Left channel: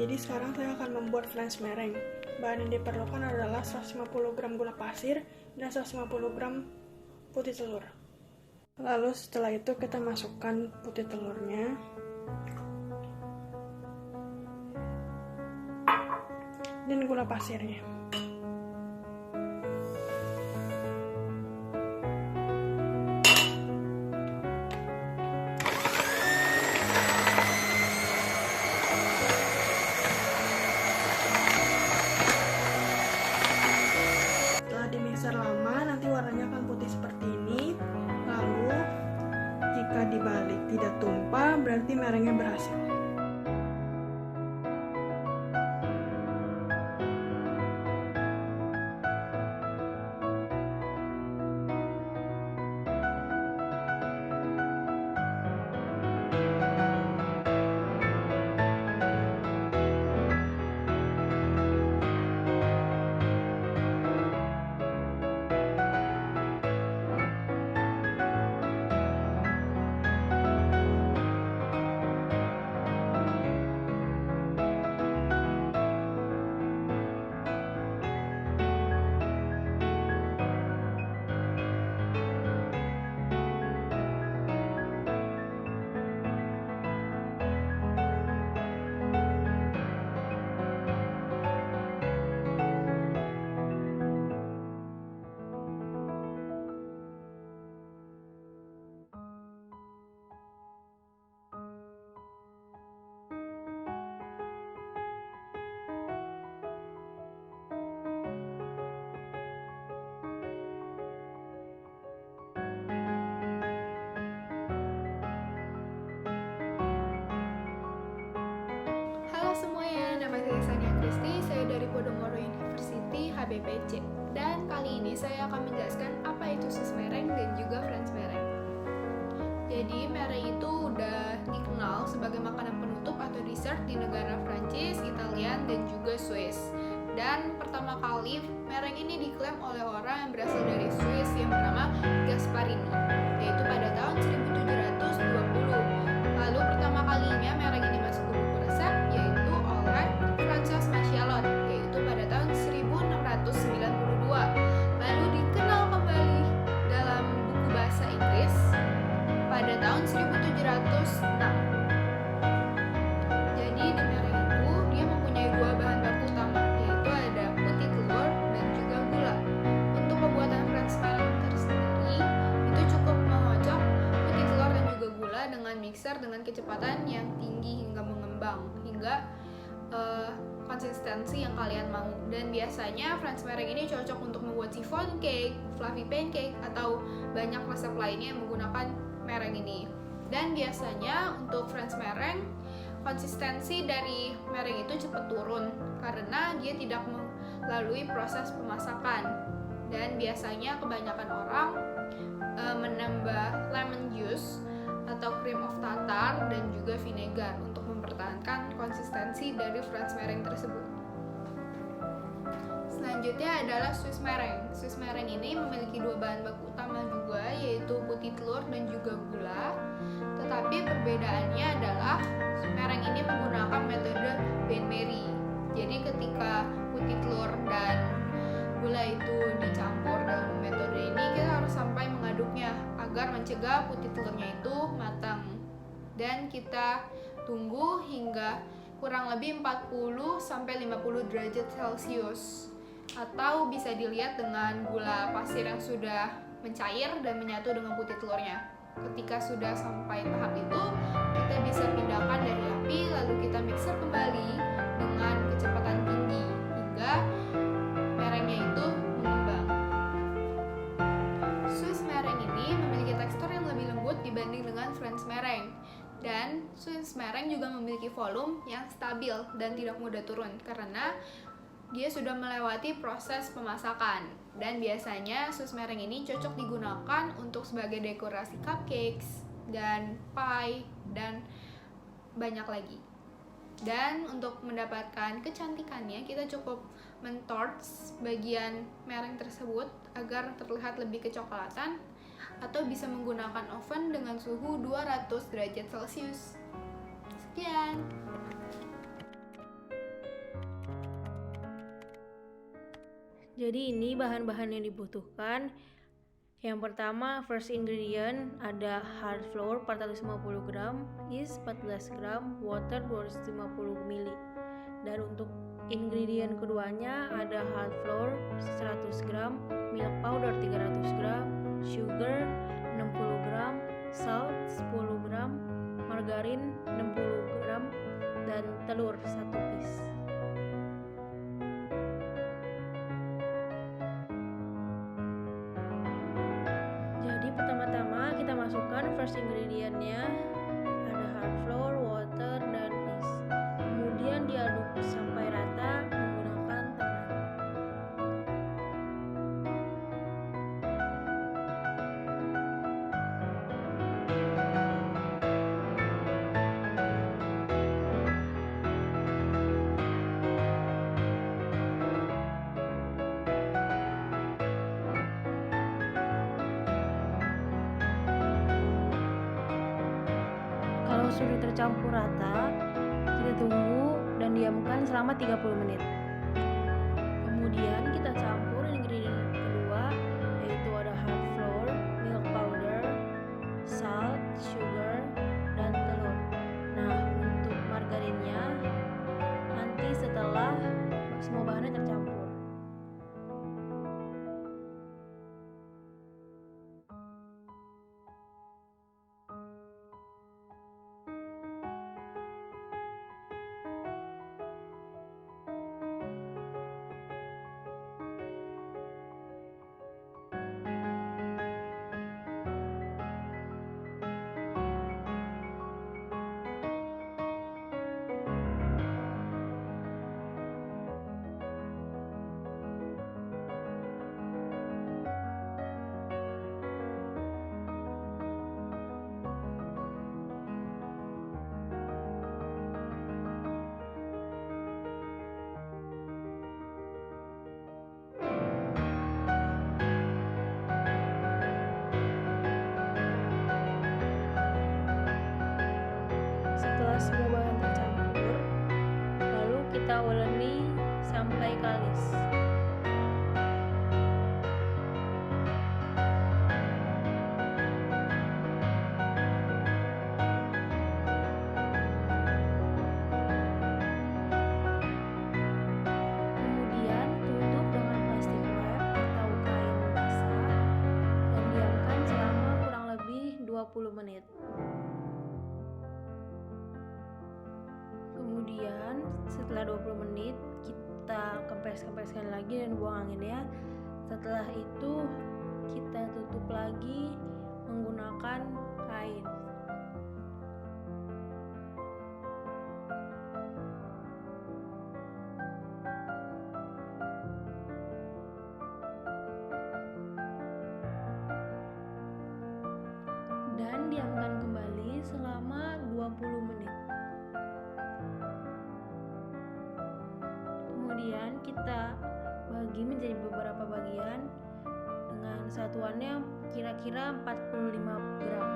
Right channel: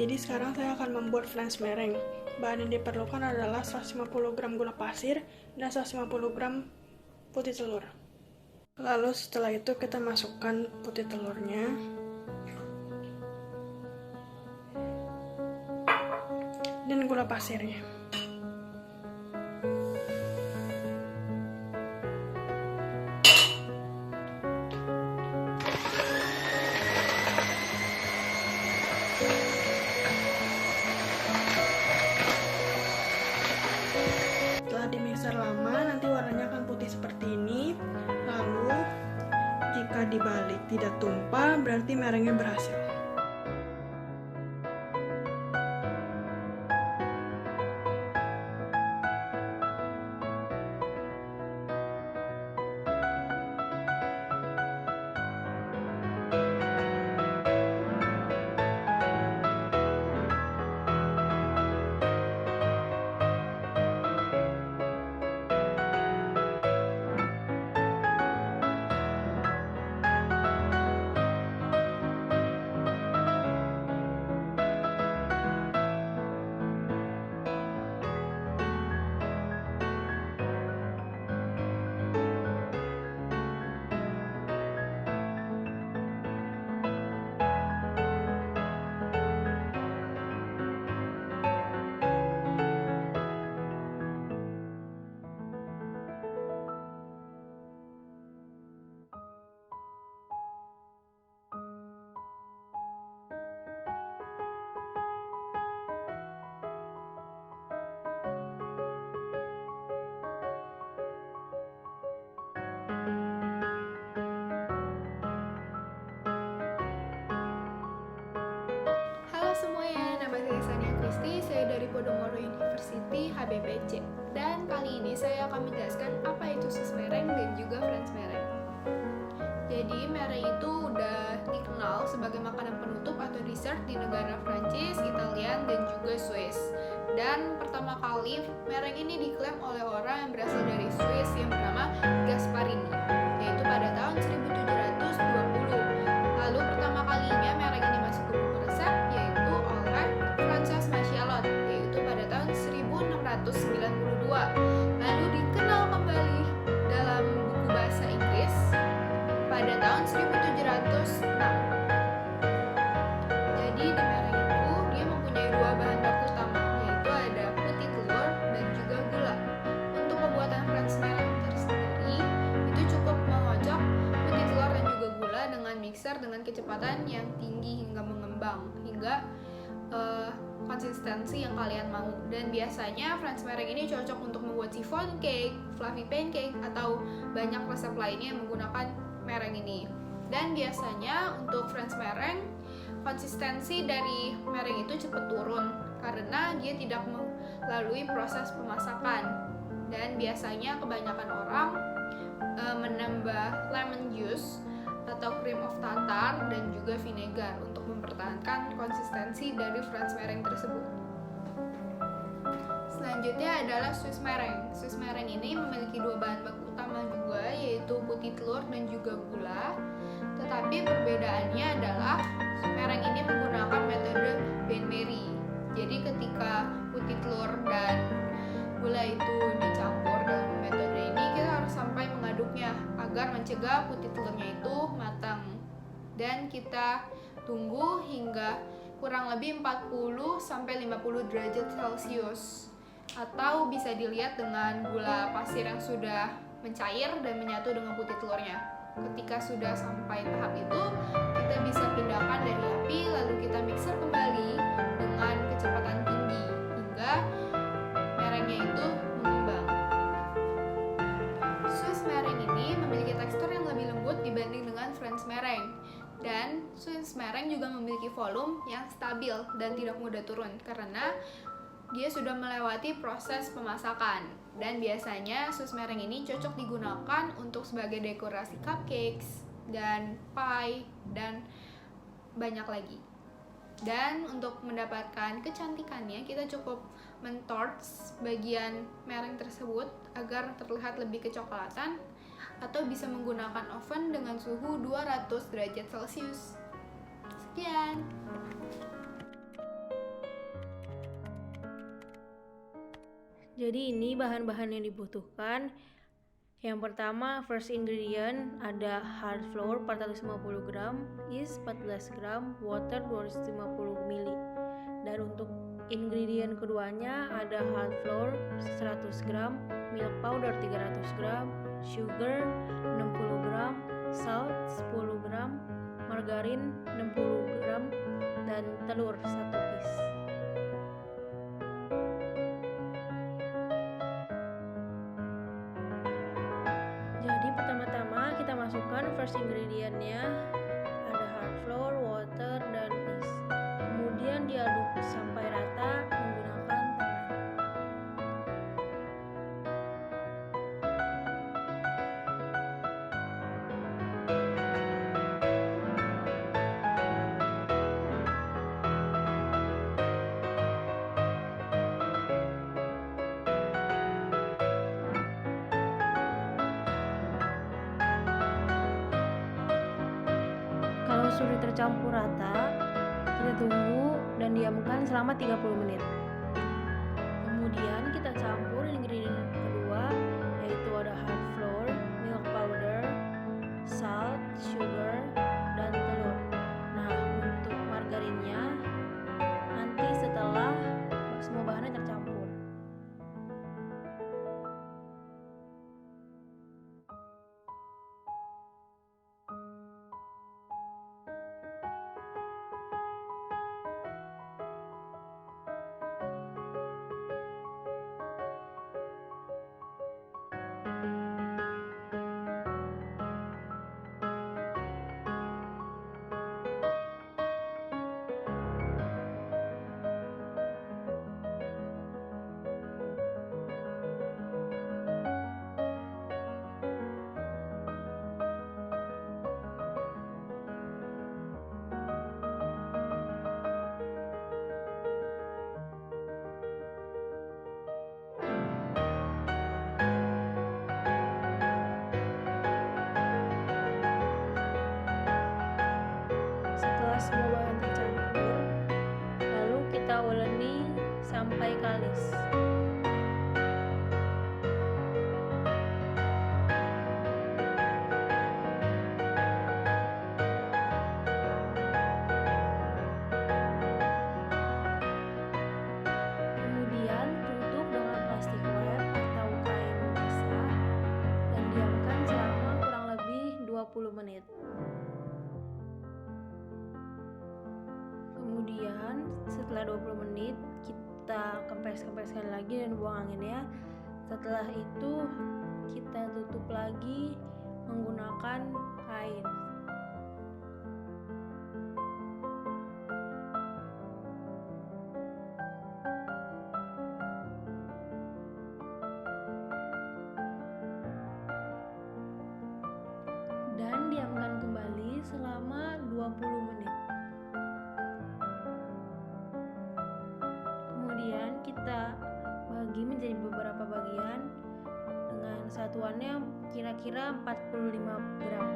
Jadi sekarang saya akan membuat flange meringue. Bahan yang diperlukan adalah 150 gram gula pasir dan 150 gram putih telur. Lalu setelah itu kita masukkan putih telurnya. Dan gula pasirnya. Setelah dimixer lama, nanti warnanya akan putih seperti ini. Lalu, jika dibalik tidak tumpah, berarti meringue berhasil. Halo semuanya, nama saya Sania Kristi, saya dari Podomoro University HBPC. Dan kali ini saya akan menjelaskan apa itu Swiss meringue dan juga French meringue. Jadi meringue itu udah dikenal sebagai makanan penutup atau dessert di negara Prancis, Italia, dan juga Swiss. Dan pertama kali meringue ini diklaim oleh orang yang berasal dari Swiss yang bernama Gasparini, yaitu pada tahun 1720. Lalu pertama kalinya meringue ini masuk ke buku resep yaitu oleh Frances Machiavelli, yaitu pada tahun 1692. Lalu dikenal kembali dalam buku bahasa Inggris pada tahun 1706. Jadi di meringue itu dia mempunyai dua bahan baku utama, yaitu ada putih telur dan juga gula. Untuk pembuatan French meringue tersendiri itu cukup mengocok putih telur dan juga gula dengan mixer dengan kecepatan yang tinggi hingga mengembang hingga konsistensi yang kalian mau. Dan biasanya French meringue ini cocok untuk membuat chiffon cake, fluffy pancake, atau banyak resep lainnya yang menggunakan meringue ini. Dan biasanya untuk French meringue konsistensi dari meringue itu cepat turun karena dia tidak melalui proses pemasakan. Dan biasanya kebanyakan orang menambah lemon juice atau cream of tartar dan juga vinegar untuk mempertahankan konsistensi dari French meringue tersebut. Selanjutnya adalah Swiss meringue. Swiss meringue ini memiliki dua bahan baku utama juga, yaitu putih telur dan juga gula. Tetapi perbedaannya adalah meringue ini menggunakan metode bain-marie. Jadi ketika putih telur dan gula itu dicampur dalam metode ini, kita harus sampai mengaduknya agar mencegah putih telurnya itu matang. Dan kita tunggu hingga kurang lebih 40-50 derajat Celcius. Atau bisa dilihat dengan gula pasir yang sudah mencair dan menyatu dengan putih telurnya. Ketika sudah sampai tahap itu, kita bisa pindahkan dari api lalu kita mixer kembali dengan kecepatan tinggi hingga meringue itu mengembang. Swiss meringue ini memiliki tekstur yang lebih lembut dibanding dengan French meringue. Dan Swiss meringue juga memiliki volume yang stabil dan tidak mudah turun karena dia sudah melewati proses pemasakan. Dan biasanya Swiss meringue ini cocok digunakan untuk sebagai dekorasi cupcakes dan pie dan banyak lagi. Dan untuk mendapatkan kecantikannya, kita cukup mentorch bagian meringue tersebut agar terlihat lebih kecoklatan, atau bisa menggunakan oven dengan suhu 200 derajat Celcius. Sekian. Jadi ini bahan-bahan yang dibutuhkan. Yang pertama, first ingredient ada hard flour 450 gram, yeast 14 gram, water 250 ml. Dan untuk ingredient keduanya ada hard flour 100 gram, milk powder 300 gram, sugar 60 gram, salt 10 gram, margarin 60 gram, dan telur 1 piece. Jadi pertama-tama kita masukkan first ingredientnya, ada hard flour, water, dan yeast. Kemudian diaduk sampai rata menggunakan tangan. Kalau sudah tercampur rata, kita tunggu dan diamkan selama 30 menit. Kemudian kita campur ingredient kedua, yaitu ada hard flour, milk powder, salt, sugar, dan telur. Nah, untuk margarinnya nanti setelah semua bahannya tercampur. Setelah semua bahan tercampur, lalu kita uleni sampai kalis. Kemudian tutup dengan plastik wrap atau kain basah dan diamkan selama kurang lebih 20 menit. Kemudian setelah 20 menit kita kempes-kempeskan lagi dan buang anginnya. Setelah itu kita tutup lagi menggunakan kain. Dan diamkan kembali selama 20 menit. Kemudian kita bagi menjadi beberapa bagian dengan satuannya kira-kira 45 gram.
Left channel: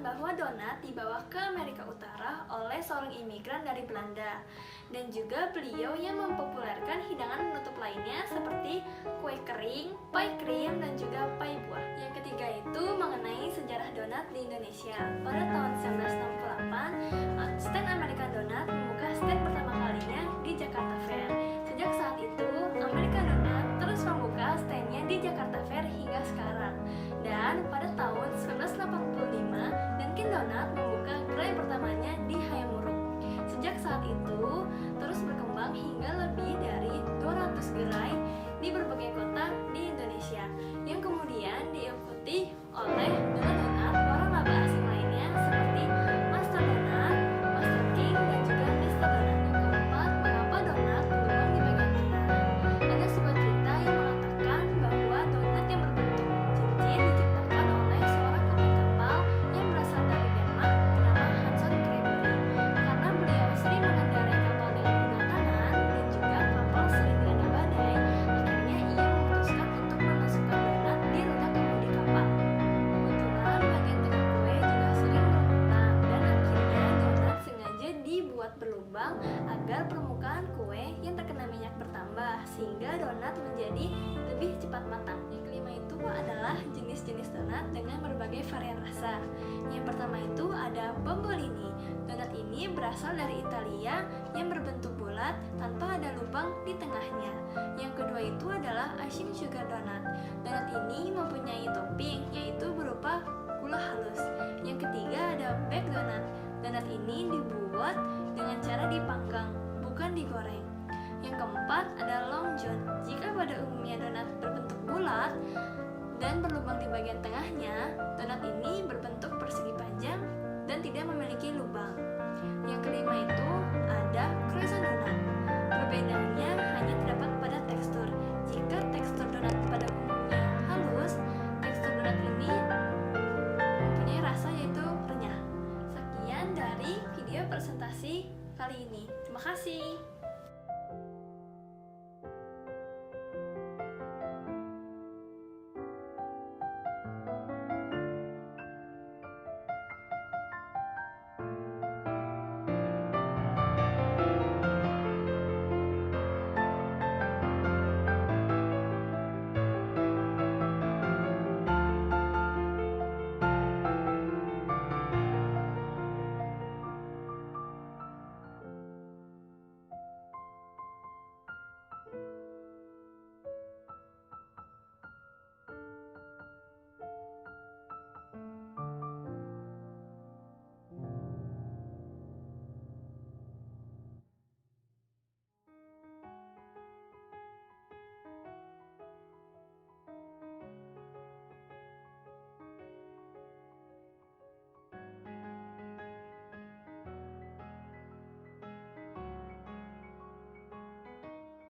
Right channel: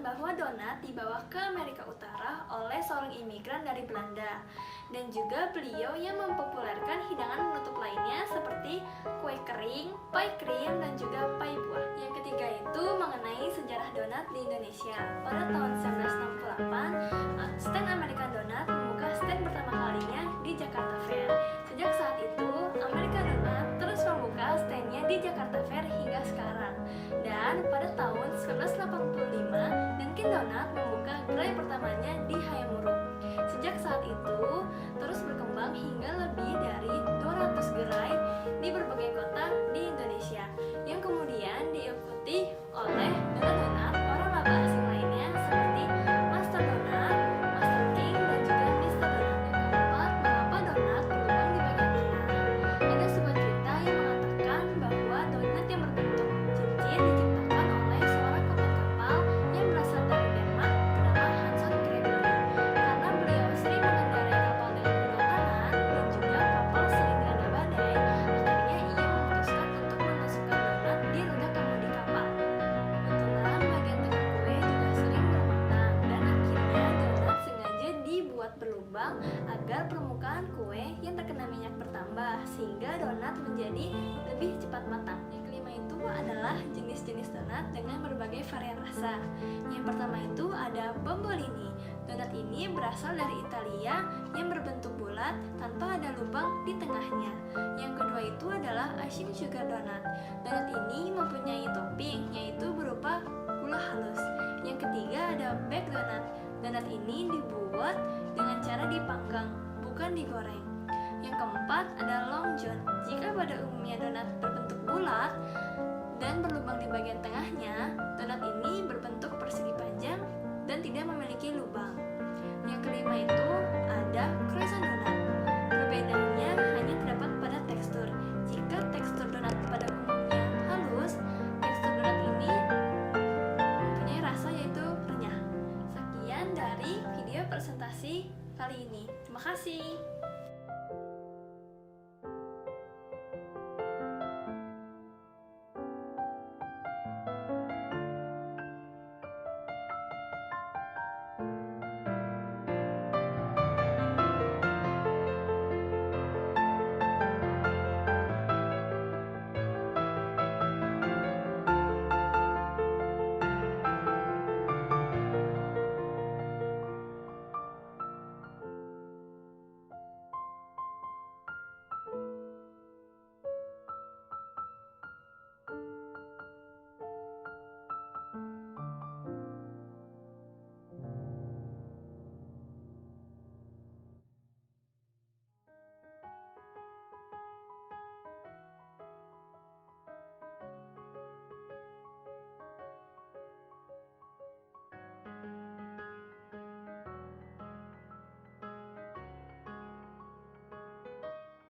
mengatakan bahwa donat dibawa ke Amerika Utara oleh seorang imigran dari Belanda, dan juga beliau yang mempopulerkan hidangan penutup lainnya seperti kue kering, pie krim, dan juga pie buah. Yang ketiga itu mengenai sejarah donat di Indonesia. Pada tahun 1968, stand American Donat membuka stand pertama kalinya di Jakarta Fair. Sejak saat itu, American Donat terus membuka standnya di Jakarta Fair hingga sekarang. Dan pada tahun 1985, Dunkin Donat membuka gerai pertamanya di Hayamuruk. Sejak saat itu, terus berkembang hingga lebih dari 200 gerai di berbagai kota di Indonesia, yang kemudian diikuti oleh donat-donat orang laba asing lainnya seperti Master Donat, Master King, dan juga Mister Donat. Yang keempat, mengapa donat berlubang di bagian tengah? Ada sebuah cerita yang mengatakan bahwa donat yang berbentuk cincin diciptakan oleh seorang kapten kapal yang berasal dari Denmark bernama Hanson Gregory. Karena beliau sering mengendarai kapal dengan kuda kanan dan juga kapal sering dilanda badai, akhirnya ia memutuskan untuk menusukkan donat di roda kemudi kapal. Kebetulan bagian tengah kue juga sering bermatang, dan akhirnya donat sengaja dibuat berlubang agar permukaan kue yang terkena minyak bertambah, sehingga donat menjadi lebih cepat matang. Yang kelima itu adalah jenis-jenis donat dengan berbagai varian rasa. Yang pertama itu ada bombolini. Donat ini berasal dari Italia yang berbentuk bulat tanpa ada lubang di tengahnya. Yang kedua itu adalah icing sugar donat. Donat ini mempunyai topping, yaitu berupa gula halus. Yang ketiga ada baked donat. Donat ini dibuat dengan cara dipanggang, bukan digoreng. Yang keempat ada long john. Jika pada umumnya donat berbentuk bulat dan berlubang di bagian tengahnya, donat ini berbentuk persegi panjang dan tidak memiliki lubang. Yang kelima itu ada croissant donat. Perbedaannya hanya terdapat pada tekstur. Jika tekstur donat pada umumnya halus, tekstur donat ini mempunyai rasa yaitu renyah. Sekian dari video presentasi kali ini. Terima kasih.